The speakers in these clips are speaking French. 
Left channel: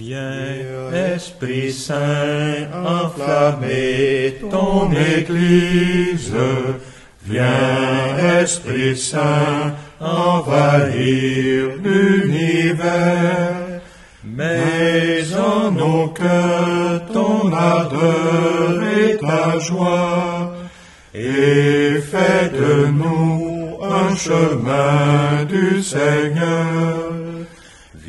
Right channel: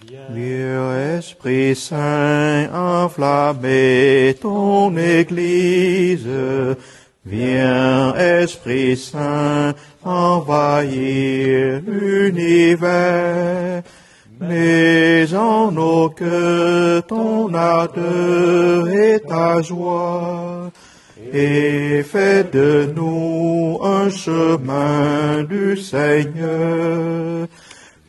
Viens, Esprit Saint, enflammer ton Église. Viens, Esprit Saint, envahir l'univers. Mets en nos cœurs ton ardeur et ta joie, et fais de nous un chemin du Seigneur.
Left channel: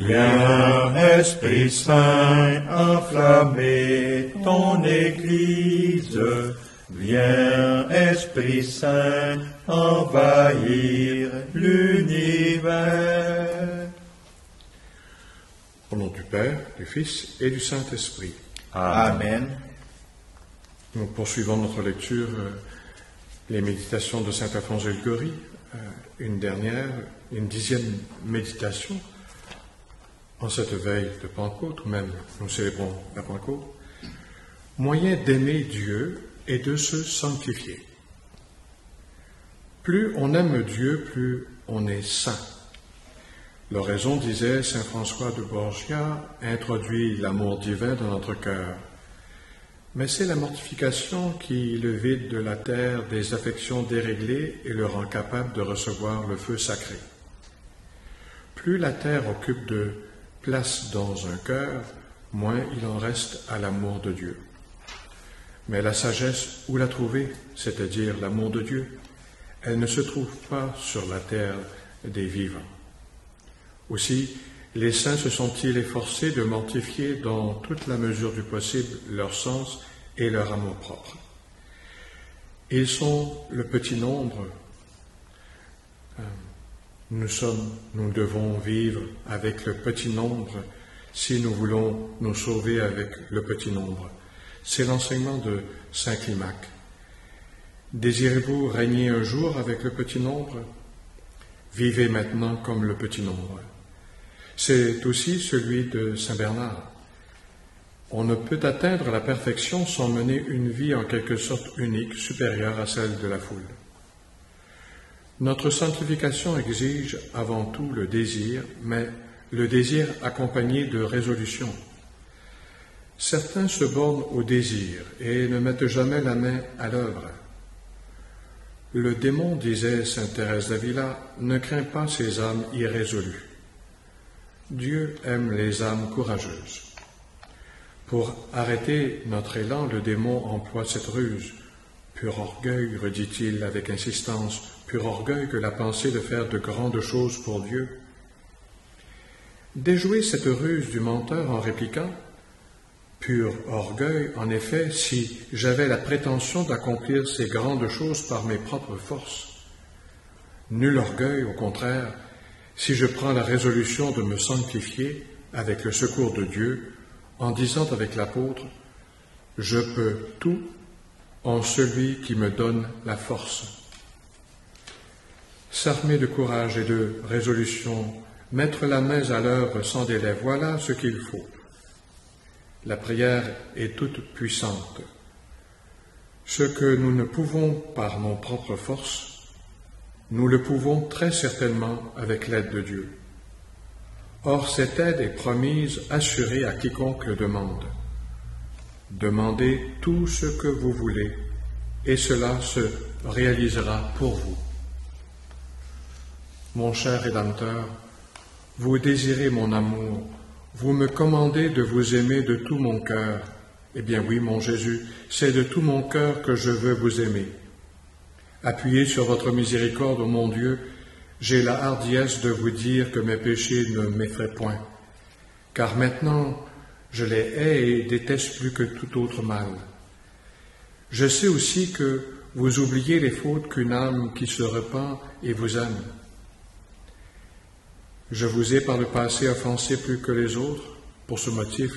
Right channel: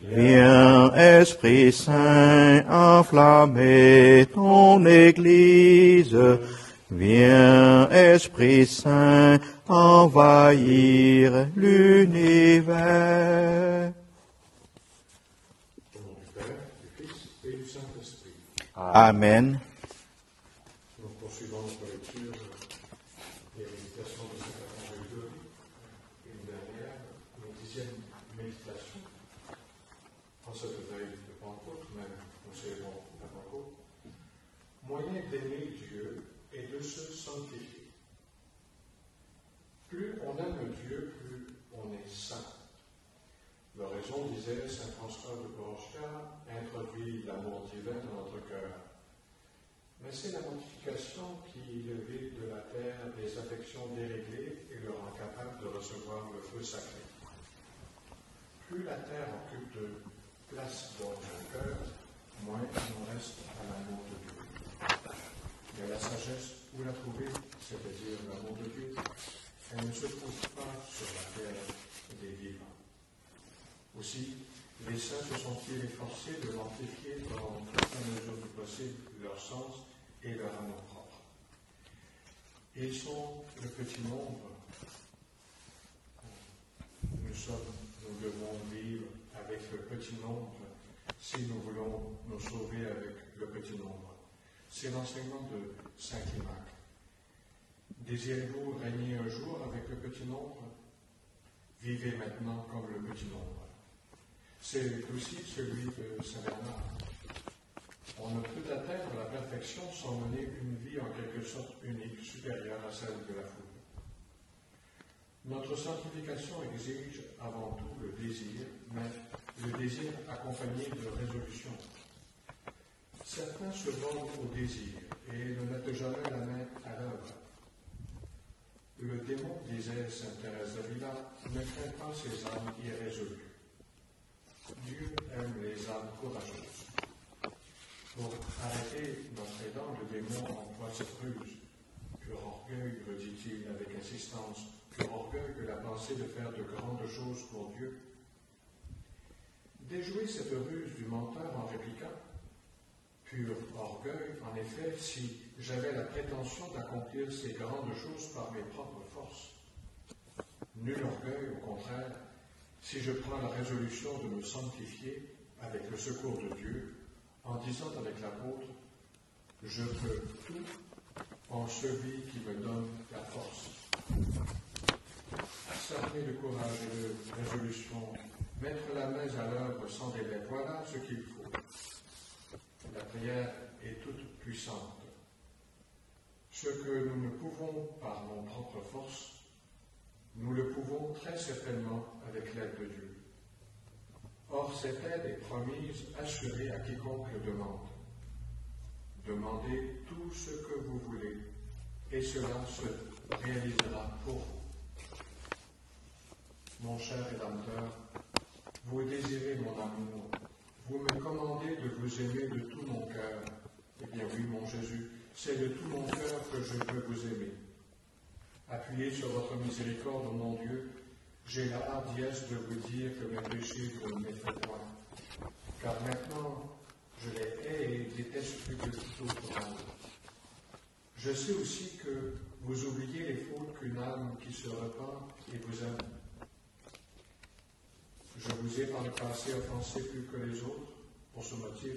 Viens, Esprit Saint, enflammer ton Église. Viens, Esprit Saint, envahir l'univers. Au nom du Père, du Fils et du Saint-Esprit. Amen. Nous poursuivons notre lecture, les méditations de saint Alphonse de Liguori, une 10e méditation en cette veille de Pentecôte, ou même nous célébrons la Pentecôte. Moyen d'aimer Dieu et de se sanctifier. Plus on aime Dieu, plus on est saint. L'oraison, disait saint François de Borgia, introduit l'amour divin dans notre cœur. Mais c'est la mortification qui le vide de la terre des affections déréglées et le rend capable de recevoir le feu sacré. Plus la terre occupe de place dans un cœur, moins il en reste à l'amour de Dieu. Mais la sagesse, où la trouver, c'est-à-dire l'amour de Dieu, elle ne se trouve pas sur la terre des vivants. Aussi, les saints se sont-ils efforcés de mortifier dans toute la mesure du possible leur sens et leur amour-propre. Ils sont le petit nombre. Nous devons vivre avec le petit nombre si nous voulons nous sauver avec le petit nombre. C'est l'enseignement de saint Climac. Désirez-vous régner un jour avec le petit nombre? Vivez maintenant comme le petit nombre. C'est aussi celui de saint Bernard. On ne peut atteindre la perfection sans mener une vie en quelque sorte unique, supérieure à celle de la foule. Notre sanctification exige avant tout le désir, mais le désir accompagné de résolution. Certains se bornent au désir et ne mettent jamais la main à l'œuvre. Le démon, disait sainte Thérèse d'Avila, ne craint pas ces âmes irrésolues. Dieu aime les âmes courageuses. Pour arrêter notre élan, le démon emploie cette ruse. Pur orgueil, redit-il avec insistance, pur orgueil que la pensée de faire de grandes choses pour Dieu. Déjouer cette ruse du menteur en répliquant, pur orgueil, en effet, si j'avais la prétention d'accomplir ces grandes choses par mes propres forces. Nul orgueil, au contraire, si je prends la résolution de me sanctifier avec le secours de Dieu, en disant avec l'apôtre, « Je peux tout en celui qui me donne la force. » S'armer de courage et de résolution, mettre la main à l'œuvre sans délai, voilà ce qu'il faut. La prière est toute puissante. Ce que nous ne pouvons par nos propres forces, nous le pouvons très certainement avec l'aide de Dieu. Or, cette aide est promise, assurée à quiconque le demande. Demandez tout ce que vous voulez, et cela se réalisera pour vous. Mon cher Rédempteur, vous désirez mon amour, vous me commandez de vous aimer de tout mon cœur. Eh bien oui, mon Jésus, c'est de tout mon cœur que je veux vous aimer. Appuyé sur votre miséricorde, ô mon Dieu, j'ai la hardiesse de vous dire que mes péchés ne m'effraient point, car maintenant je les hais et déteste plus que tout autre mal. Je sais aussi que vous oubliez les fautes qu'une âme qui se repent et vous aime. Je vous ai par le passé offensé plus que les autres. Pour ce motif,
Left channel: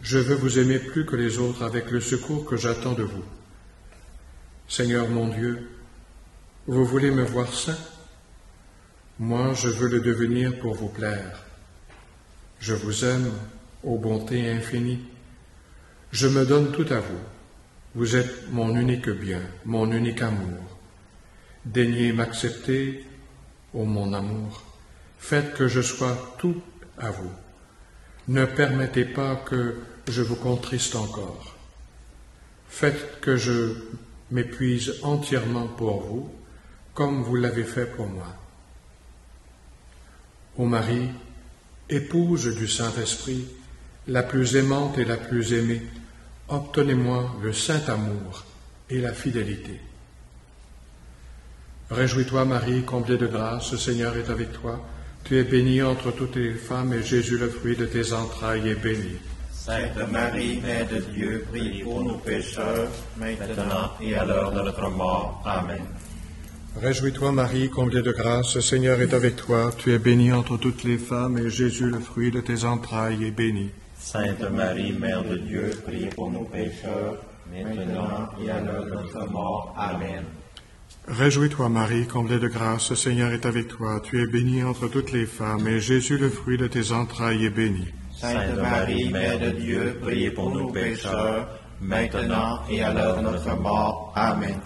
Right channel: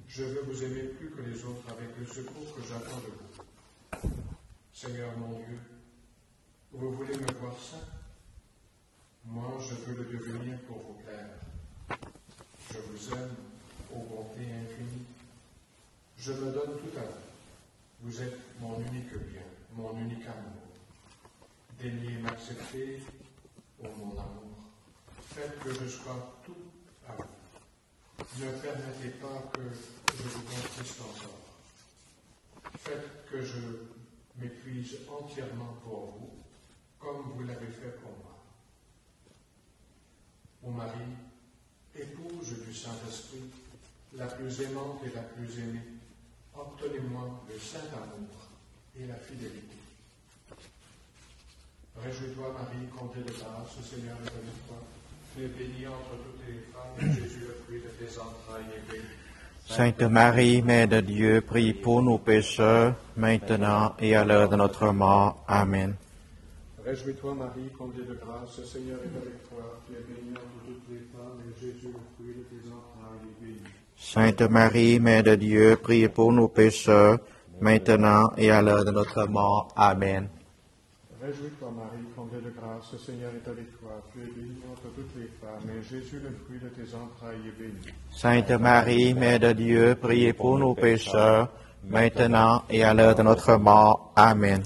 je veux vous aimer plus que les autres avec le secours que j'attends de vous. Seigneur mon Dieu, vous voulez me voir saint? Moi, je veux le devenir pour vous plaire. Je vous aime, ô bonté infinie. Je me donne tout à vous. Vous êtes mon unique bien, mon unique amour. Daignez m'accepter, ô mon amour. Faites que je sois tout à vous. Ne permettez pas que je vous contriste encore. Faites que je m'épuise entièrement pour vous, comme vous l'avez fait pour moi. Ô Marie, épouse du Saint-Esprit, la plus aimante et la plus aimée, obtenez-moi le saint amour et la fidélité. Réjouis-toi, Marie, comblée de grâce, le Seigneur est avec toi. Tu es bénie entre toutes les femmes, et Jésus, le fruit de tes entrailles, est béni. Sainte Marie, Mère de Dieu, prie pour nous pécheurs, maintenant et à l'heure de notre mort. Amen. Réjouis-toi, Marie, comblée de grâce, le Seigneur est avec toi. Tu es bénie entre toutes les femmes, et Jésus, le fruit de tes entrailles, est béni. Sainte Marie, Mère de Dieu, prie pour nous pécheurs, maintenant et à l'heure de notre mort. Amen. Réjouis-toi, Marie, comblée de grâce, le Seigneur est avec toi. Tu es bénie entre toutes les femmes, et Jésus, le fruit de tes entrailles, est béni. Sainte Marie, Mère de Dieu, priez pour nous pécheurs, maintenant et à l'heure de notre mort. Amen.